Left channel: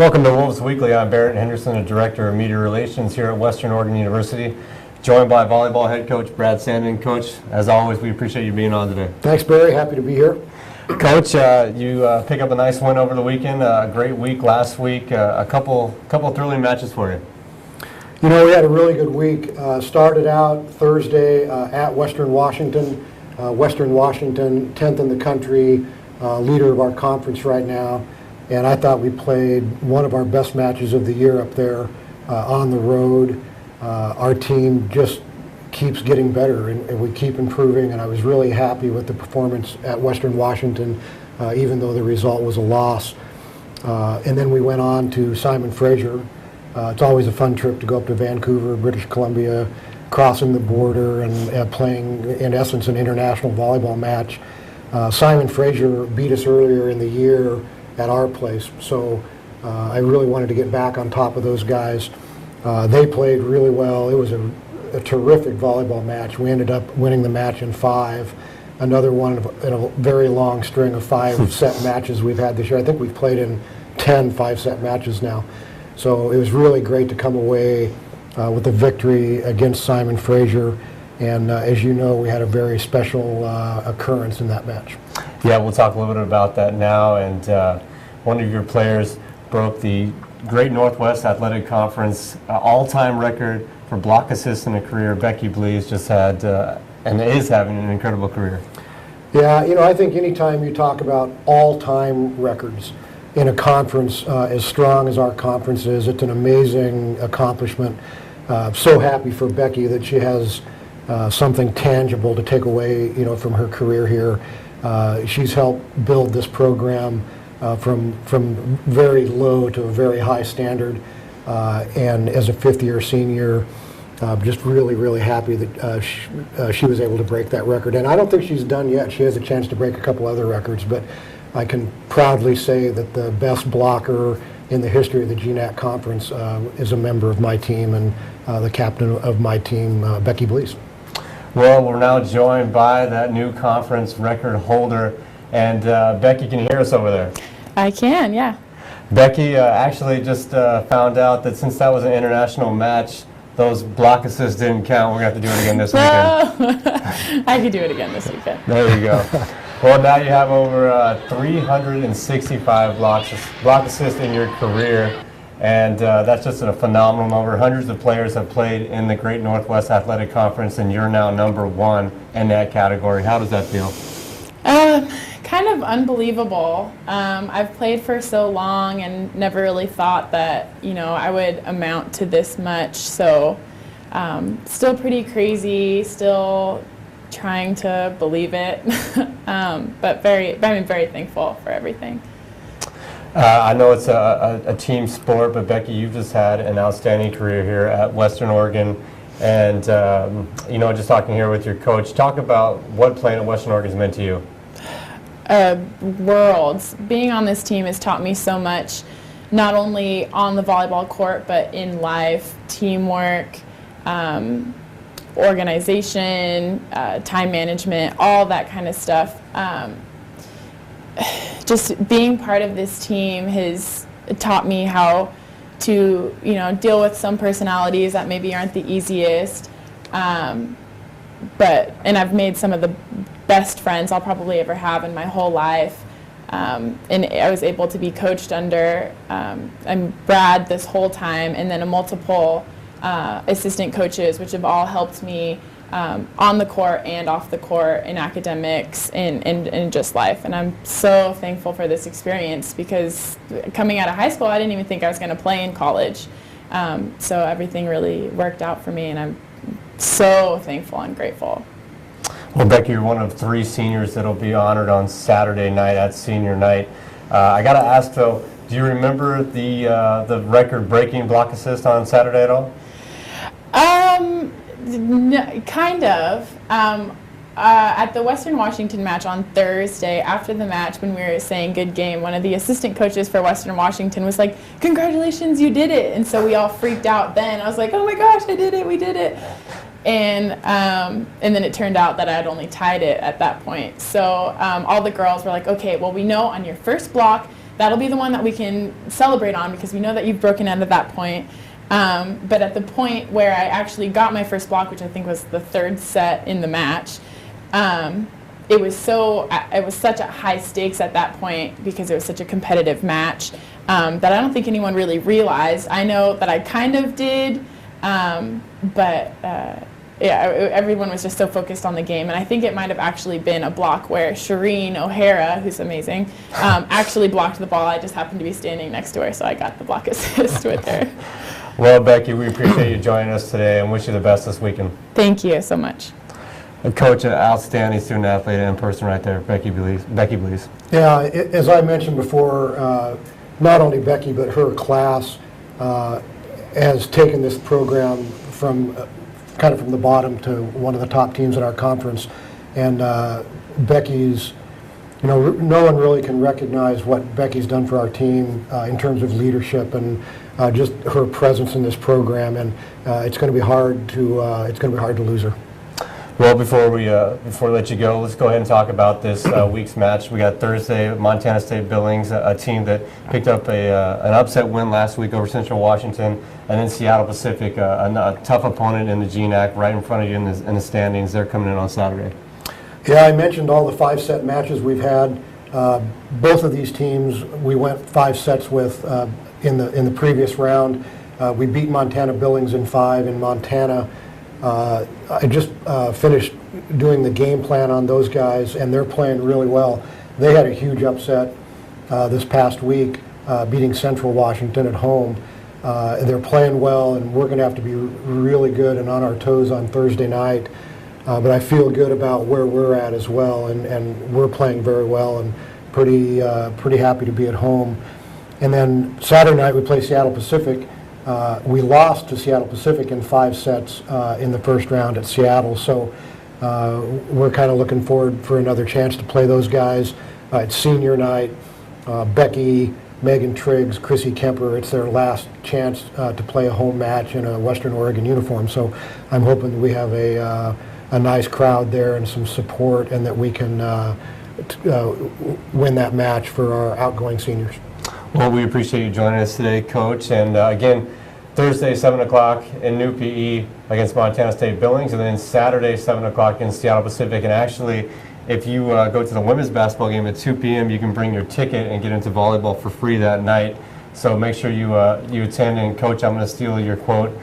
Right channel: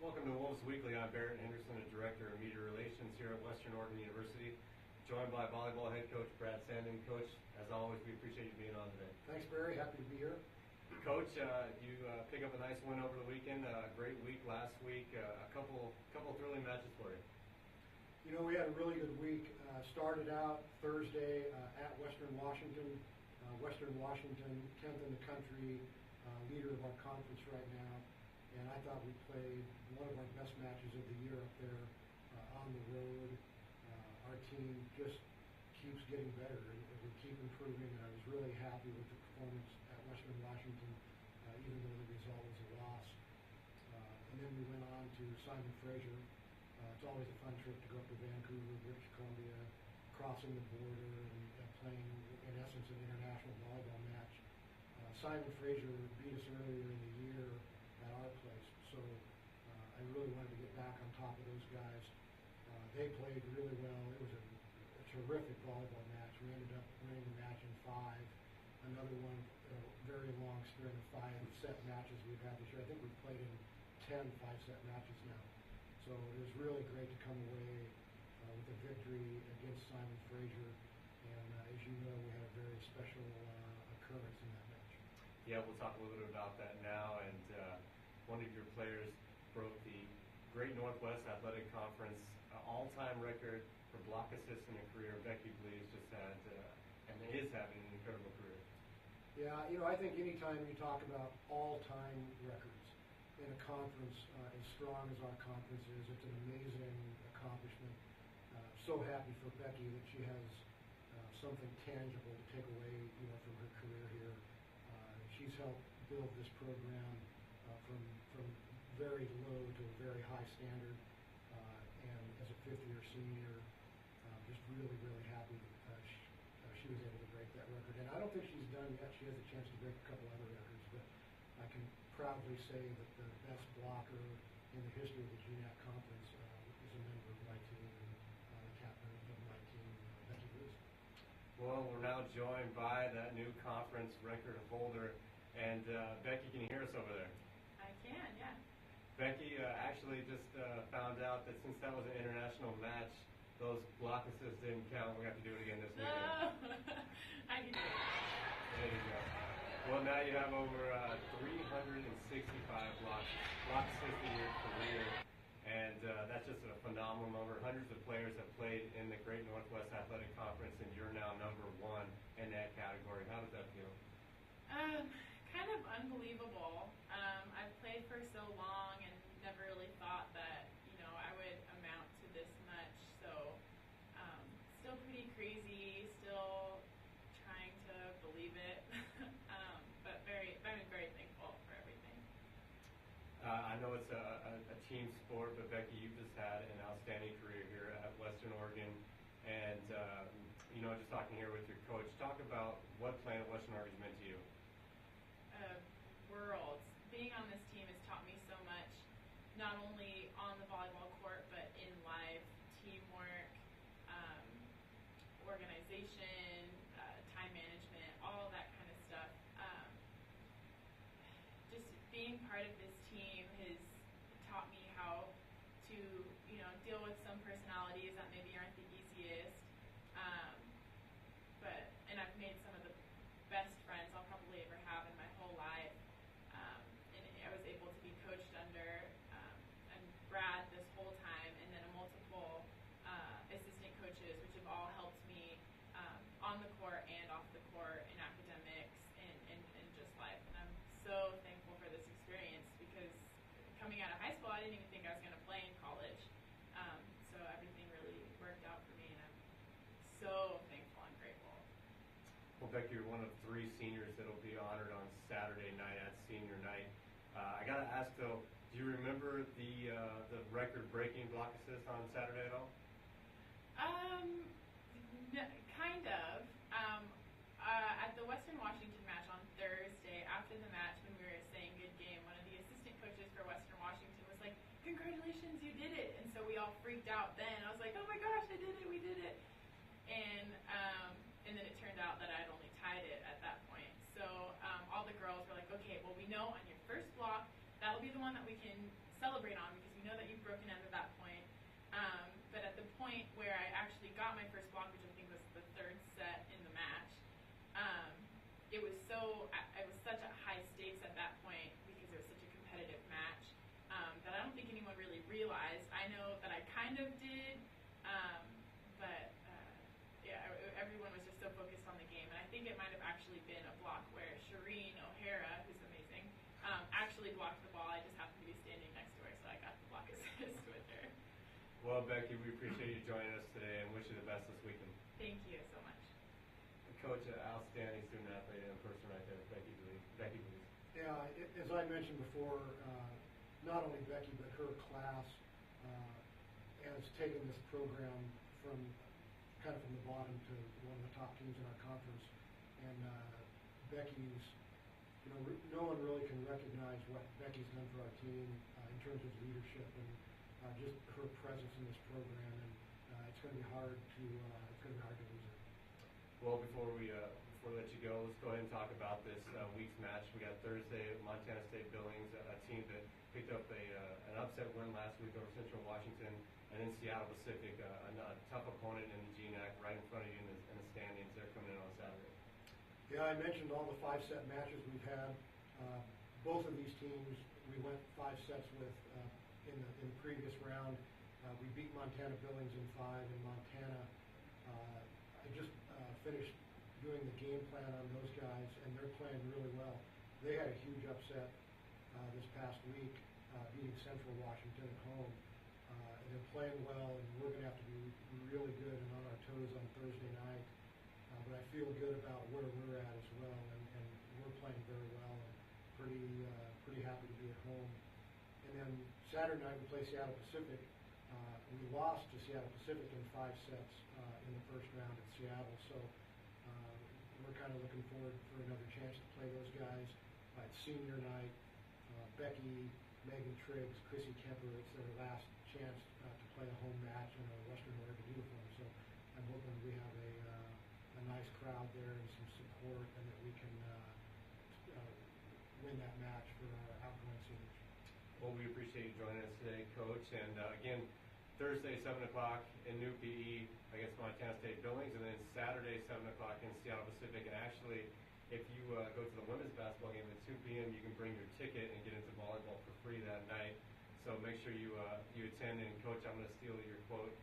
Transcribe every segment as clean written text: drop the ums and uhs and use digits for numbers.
Welcome to Wolves Weekly. I'm Barrett Henderson, the Director of Media Relations here at Western Oregon University, joined by volleyball head coach Brad Sandin. Coach, as always, we appreciate you being on today. Thanks, Barry. Happy to be here. Coach, you pick up a nice win over the weekend. A great week last week. A couple thrilling matches for you. You know, we had a really good week. Started out Thursday at Western Washington. Western Washington, 10th in the country, leader of our conference right now. And I thought we played one of our best matches of the year up there on the road. Our team just keeps getting better and we keep improving, and I was really happy with the performance at Western Washington, even though the result was a loss. And then we went on to Simon Fraser. It's always a fun trip to go up to Vancouver, British Columbia, crossing the border and playing, in essence, an international volleyball match. Simon Fraser beat us earlier in the year at our place, so I really wanted to get back on top of those guys. They played really well. It was a terrific volleyball match. We ended up winning the match in 5. Another one in a very long string of 5-set matches we've had this year. I think we've played in 10 5-set matches now. So it was really great to come away with a victory against Simon Fraser. And as you know, we had a very special occurrence in that match. Yeah, we'll talk a little bit about that now. And one of your players broke the Great Northwest Athletic Conference all-time record for block assists in a career. Becky Blees just had and is having an incredible career. Yeah, you know, I think anytime you talk about all-time records in a conference as strong as our conference is, it's an amazing accomplishment. So happy for Becky that she has something tangible to take away, you know, from her career here. She's helped build this program from very low to a very high standard, and as a fifth-year senior, just really happy that she was able to break that record. And I don't think she's done yet. She has a chance to break a couple other records, but I can proudly say that the best blocker in the history of the GNAC conference is a member of my team and the captain of my team, Becky Blees. Well, we're now joined by that new conference record holder. And Becky, can you hear us over there? I can, yeah. Becky actually just found out that since that was an international match, those block assists didn't count. We're going to have to do it again this weekend. I could do it again this weekend. There you go. Well, now you have over 365 block assists in your career, and that's just a phenomenal number. Hundreds of players have played in the Great Northwest Athletic Conference, and you're now number 1 in that category. How does that feel? Kind of unbelievable. I've played for so long and never really thought that, you know, I would amount to this much. So still pretty crazy, still trying to believe it, but very thankful for everything. I know it's a team sport, but Becky, you've just had an outstanding career here at Western Oregon. And, you know, just talking here with your coach, talk about what playing at Western Oregon has meant to you. Worlds. Being on this team has taught me so much, not only on the volleyball court, but in life, teamwork, organization, time management, all that kind of stuff. Just being part of this team has taught me how to, you know, deal with some personalities that maybe aren't the easiest, and I've made some of the best friends I'll probably ever have in my whole life, and I was able to be coached under Brad this whole time, and then multiple assistant coaches, which have all helped me on the court and off the court, in academics, in just life. And I'm so thankful for this experience, because coming out of high school, I didn't even think I was going to play in college. So everything really worked out for me, and I'm so thankful and grateful. Well, Becky, you're one of 3 seniors that will be honored on Saturday night at senior night. I got to ask, though, do you remember the record-breaking block assist on Saturday at all? No, kind of. At the Western Washington match on Thursday, after the match, when we were saying good game, one of the assistant coaches for Western Washington was like, "Congratulations, you did it!" And so we all freaked out then. I was like, "Oh my gosh, I did it, we did it!" And then it turned out that I had only tied it at that point. So all the girls were like, "Okay, well, we know on your first block that'll be the one that we can celebrate on because we know that you've broken out at that point. But at the point where I actually got my first block, which I think was the third set in the match, it was such a high stakes at that point because it was such a competitive match that I don't think anyone really realized. I know that I kind of did, but everyone was just so focused on the game. And I think it might have actually been a block where Shireen O'Hara, who's amazing, actually blocked the ball. I just happened to be standing next to her, so I got the block assist with her. Well, Becky, we appreciate you joining us today and wish you the best this weekend. Thank you so much. And Coach, an outstanding student athlete in person right there, Becky Blees. Yeah, as I mentioned before, not only Becky, but her class has taken this program from kind of from the bottom to one of the top teams in our conference. And Becky's, no one really can recognize what Becky's done for our team in terms of leadership and just her presence in this program. And it's going to be hard to lose her. Well, before we let you go, let's go ahead and talk about this week's match. We got Thursday, Montana State Billings, a team that picked up an upset win last week over Central Washington, and then Seattle Pacific, a tough opponent in the GNAC, right in front of you in the standings. They're coming in on Saturday. Yeah, I mentioned all the 5-set matches we've had. Both of these teams we went 5 sets with in the previous round. We beat Montana Billings in 5 in Montana. I just finished doing the game plan on those guys, and they're playing really well. They had a huge upset this past week, beating Central Washington at home. They're playing well, and we're going to have to be really good and on our toes on Thursday night. But I feel good about where we're at as well, and we're playing very well and pretty happy to be at home. And then Saturday night we play Seattle Pacific. We lost to Seattle Pacific in 5 sets in the first round at Seattle, so we're kind of looking forward for another chance to play those guys. It's senior night. Becky, Megan Triggs, Chrissy Kemper, it's their last chance to play a home match in a Western Oregon uniform, so I'm hoping that we have a nice crowd there and some support, and that we can win that match for our outgoing seniors. Well, we appreciate you joining us today, Coach. And again, Thursday, 7 o'clock in New PE against Montana State Billings, and then Saturday, 7 o'clock in Seattle Pacific. And actually, if you go to the women's basketball game at 2 p.m., you can bring your ticket and get into volleyball for free that night. So make sure you attend. And, Coach, I'm going to steal your quote.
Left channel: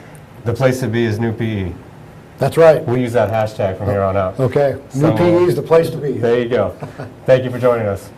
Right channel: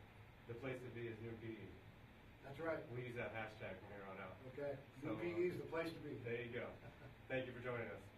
The place to be is New PE. That's right. We'll use that hashtag from here on out. Okay. So, New PE is the place to be. There you go. Thank you for joining us.